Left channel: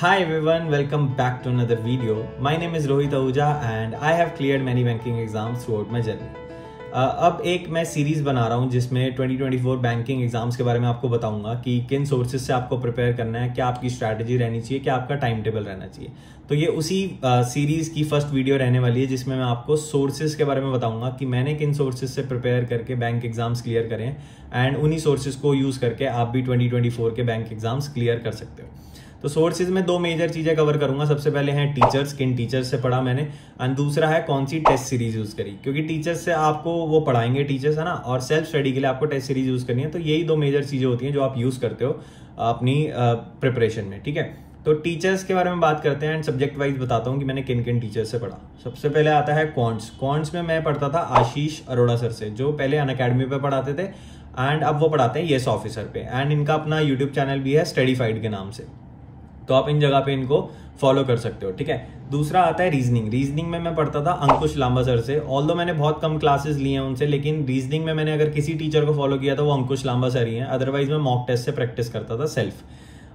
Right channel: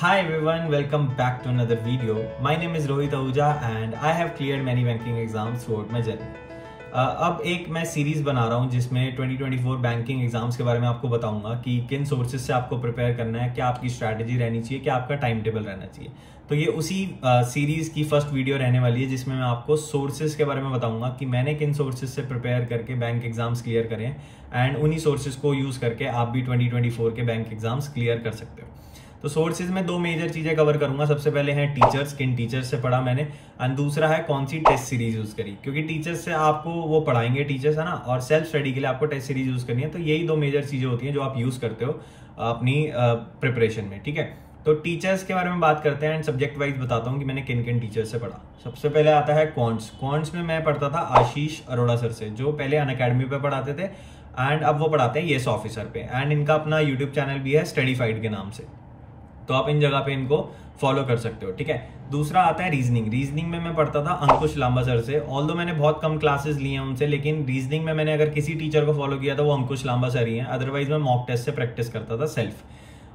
Hi everyone, welcome back to another video. My name is Rohit Ahuja and I have cleared many banking exams throughout my journey. अब एक मैं series बना रहा हूँ जिसमें 2024 banking exams के बारे में आपको बताऊंगा कि किन सोर्सेज से आपको प्रिपेयर करना है, क्या आपकी स्ट्रैटेजी रहनी चाहिए, क्या आपका टाइम टेबल रहना चाहिए। तो ये उसी सीरीज की फर्स्ट वीडियो रहने वाली है जिसमें मैं आपको सोर्सेज के बारे में बताऊंगा कि मैंने किन सोर्सेज से प्रिपेयर करके बैंक एग्जाम्स क्लियर करें एंड उन्हीं सोर्सेज को यूज करके आप भी 2024 के बैंक एग्जाम्स क्लियर कर सकते हो। तो सोर्सेज में दो मेजर चीजें कवर करूंगा। सबसे पहले है टीचर्स, किन टीचर्स से पढ़ा मैंने, एंड दूसरा है कौन सी टेस्ट सीरीज यूज करी, क्योंकि टीचर्स से आपको वो पढ़ाएंगे टीचर्स, है ना, और सेल्फ स्टडी के लिए आपको टेस्ट सीरीज यूज करनी है। तो यही दो मेजर चीजें होती हैं जो आप यूज करते हो अपनी प्रिपरेशन में, ठीक है। तो टीचर्स के बारे में बात करते हैं एंड सब्जेक्ट वाइज बताता हूँ कि मैंने किन किन टीचर्स से पढ़ा। सबसे पहले आता है क्वांट्स में मैं पढ़ता था आशीष अरोड़ा सर से, जो पहले अनअकैडमी पे पढ़ाते थे एंड अब वो पढ़ाते हैं येस ऑफिसर पे, एंड इनका अपना यूट्यूब चैनल भी है स्टडीफाइड के नाम से, तो आप इन जगह पे इनको फॉलो कर सकते हो, ठीक है। दूसरा आता है रीजनिंग में मैं पढ़ता था अंकुश लांबा सर से। ऑल्दो मैंने बहुत कम क्लासेस लिए हैं उनसे, लेकिन रीजनिंग में मैंने अगर किसी टीचर को फॉलो किया तो वो अंकुश लांबा सर ही हैं। अदरवाइज मैं मॉक टेस्ट से प्रैक्टिस करता था सेल्फ,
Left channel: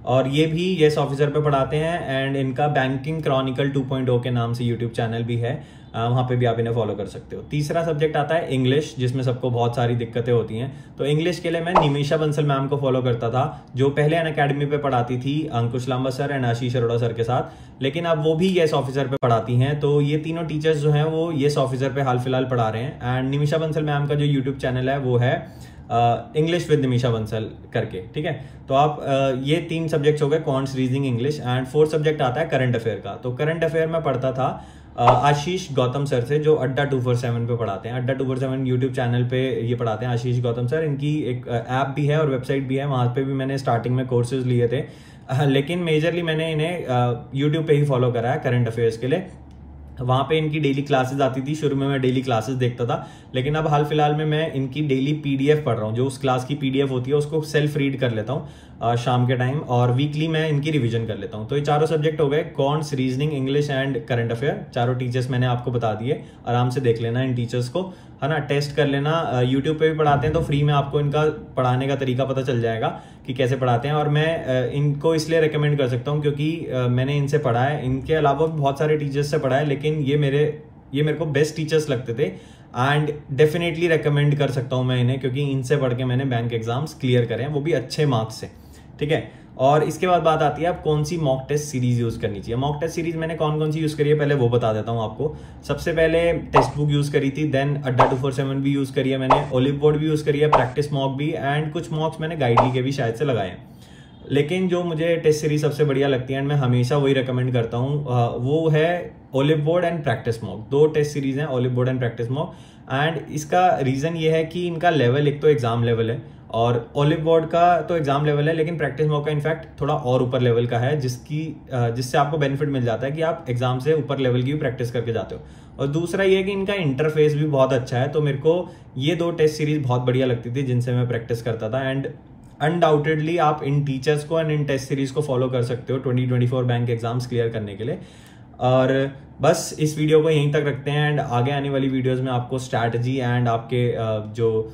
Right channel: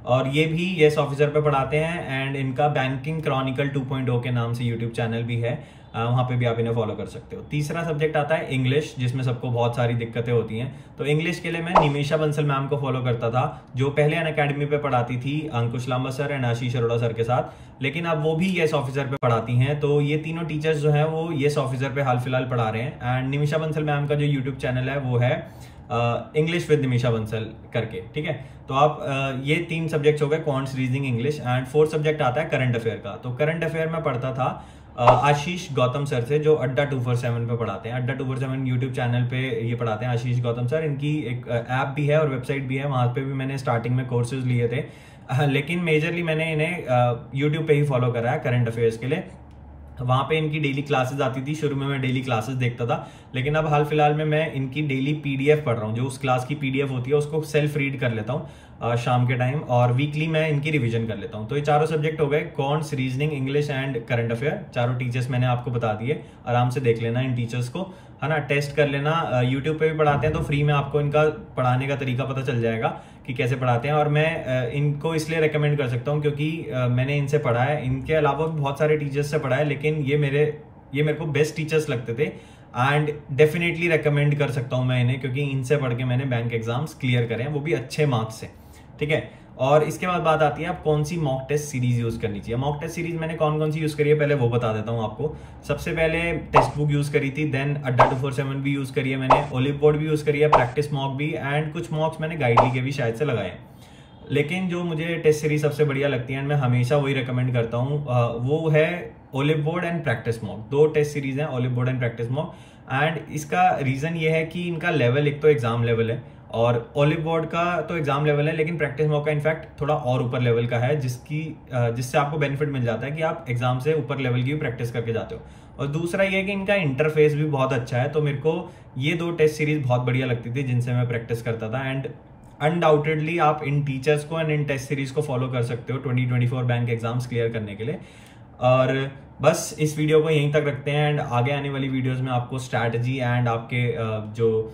और ये भी येस ऑफिसर पे पढ़ाते हैं एंड इनका बैंकिंग क्रॉनिकल 2.0 के नाम से यूट्यूब चैनल भी है, वहां पे भी आप इन्हें फॉलो कर सकते हो। तीसरा सब्जेक्ट आता है इंग्लिश, जिसमें सबको बहुत सारी दिक्कतें होती हैं। तो इंग्लिश के लिए मैं निमिषा बंसल मैम को फॉलो करता था, जो पहले अनअकैडमी पे पढ़ाती थी Ankush Lamba sir and Ashish Arora sir के साथ, लेकिन अब वो भी येस ऑफिसर पे पढ़ाती हैं। तो ये तीनों टीचर्स जो हैं वो येस ऑफिसर पे हाल फिलहाल पढ़ा रहे हैं। एंड निमिषा बंसल मैम का जो यूट्यूब चैनल है वो है इंग्लिश विद निमिषा बंसल करके, ठीक है। तो आप ये तीन सब्जेक्ट्स हो गए, quants, reasoning, English. And fourth subject आता है करंट अफेयर का। तो करंट अफेयर में पढ़ता था आशीष गौतम सर से, जो अड्डा 247 पे पढ़ाते हैं। अड्डा 247 यूट्यूब चैनल पे ये पढ़ाते हैं आशीष गौतम सर। इनकी एक ऐप भी है और वेबसाइट भी है, वहां पे भी मैंने स्टार्टिंग में कोर्सेज लिए थे, लेकिन मेजरली मैंने इन्हें यूट्यूब पे ही फॉलो करा है करंट अफेयर्स के लिए। वहां पे इनकी डेली क्लासेस आती थी, शुरू में मैं डेली क्लासेस देखता था, लेकिन अब हाल फिलहाल में मैं इनकी डेली पीडीएफ पढ़ रहा हूँ। जो उस क्लास की पीडीएफ होती है उसको सेल्फ रीड कर लेता हूँ शाम के टाइम, और वीकली मैं इनकी रिवीजन कर लेता हूँ। तो ये चारों सब्जेक्ट हो गए, quants, reasoning, English and current affair. चारों टीचर्स मैंने आपको बता दिए, आराम से देख लेना इन टीचर्स को, है ना, टेस्ट कर लेना। यूट्यूब पे भी पढ़ाते हैं तो फ्री में आपको इनका पढ़ाने का तरीका पता चल जाएगा कि कैसे पढ़ाते हैं। और मैं इनको इसलिए रेकमेंड कर सकता हूँ क्योंकि मैंने इनसे पढ़ा है। इनके अलावा भी बहुत सारे टीचर्स से पढ़ा है, लेकिन ये मेरे को बेस्ट टीचर्स लगते थे एंड डेफिनेटली रेकमेंड कर सकता हूं मैं इन्हें, क्योंकि इनसे पढ़ के मैंने बैंक एग्जाम्स क्लियर करे हैं, वो भी अच्छे मार्क्स से, ठीक है। और इसके बाद बात आती है अब कौन सी मॉक टेस्ट सीरीज यूज करनी चाहिए। मॉक टेस्ट सीरीज मैंने कौन कौन सी यूज करी है पहले वो बता देता हूं आपको। सबसे पहले टेक्स्ट बुक यूज करी थी, देन अड्डा 247 भी यूज करी है मैंने, ओलिव बोर्ड भी यूज करी है, प्रैक्टिस मॉक भी, एंड कुछ मॉक्स मैंने गाइडली के भी शायद से लगाए हैं। लेकिन जो मुझे टेस्ट सीरीज सबसे बढ़िया लगती है, मैं हमेशा वही रिकमेंड करता हूँ, वो है olive board and practice mock. दो टेस्ट सीरीज हैं, olive board and practice mock. And इसका रीजन ये है कि इनका लेवल एक तो एग्जाम लेवल है, और ओलिव बोर्ड का तो एग्जाम लेवल है, लेकिन प्रैक्टिस मॉक का इनफैक्ट थोड़ा और ऊपर लेवल का है, जिससे आपको बेनिफिट मिल जाता है कि आप एग्जाम से ऊपर लेवल की भी प्रैक्टिस करके जाते हो। और दूसरा ये है कि इनका इंटरफेस भी बहुत अच्छा है। तो मेरे को ये दो टेस्ट सीरीज बहुत बढ़िया लगती थी जिनसे मैं प्रैक्टिस करता था। एंड अनडाउटेडली आप इन टीचर्स को एंड इन टेस्ट सीरीज को फॉलो कर सकते हो 2024 बैंक एग्जाम्स क्लियर करने के लिए। और बस इस वीडियो को यहीं तक रखते हैं, एंड आगे आने वाली वीडियोस में आपको स्ट्रैटेजी एंड आपके जो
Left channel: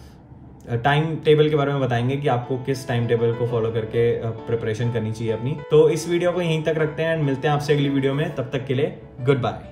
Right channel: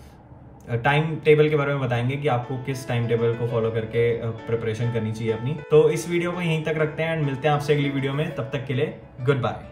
टाइम टेबल के बारे में बताएंगे कि आपको किस टाइम टेबल को फॉलो करके प्रिपरेशन करनी चाहिए अपनी। तो इस वीडियो को यहीं तक रखते हैं एंड मिलते हैं आपसे अगली वीडियो में। तब तक के लिए गुड बाय।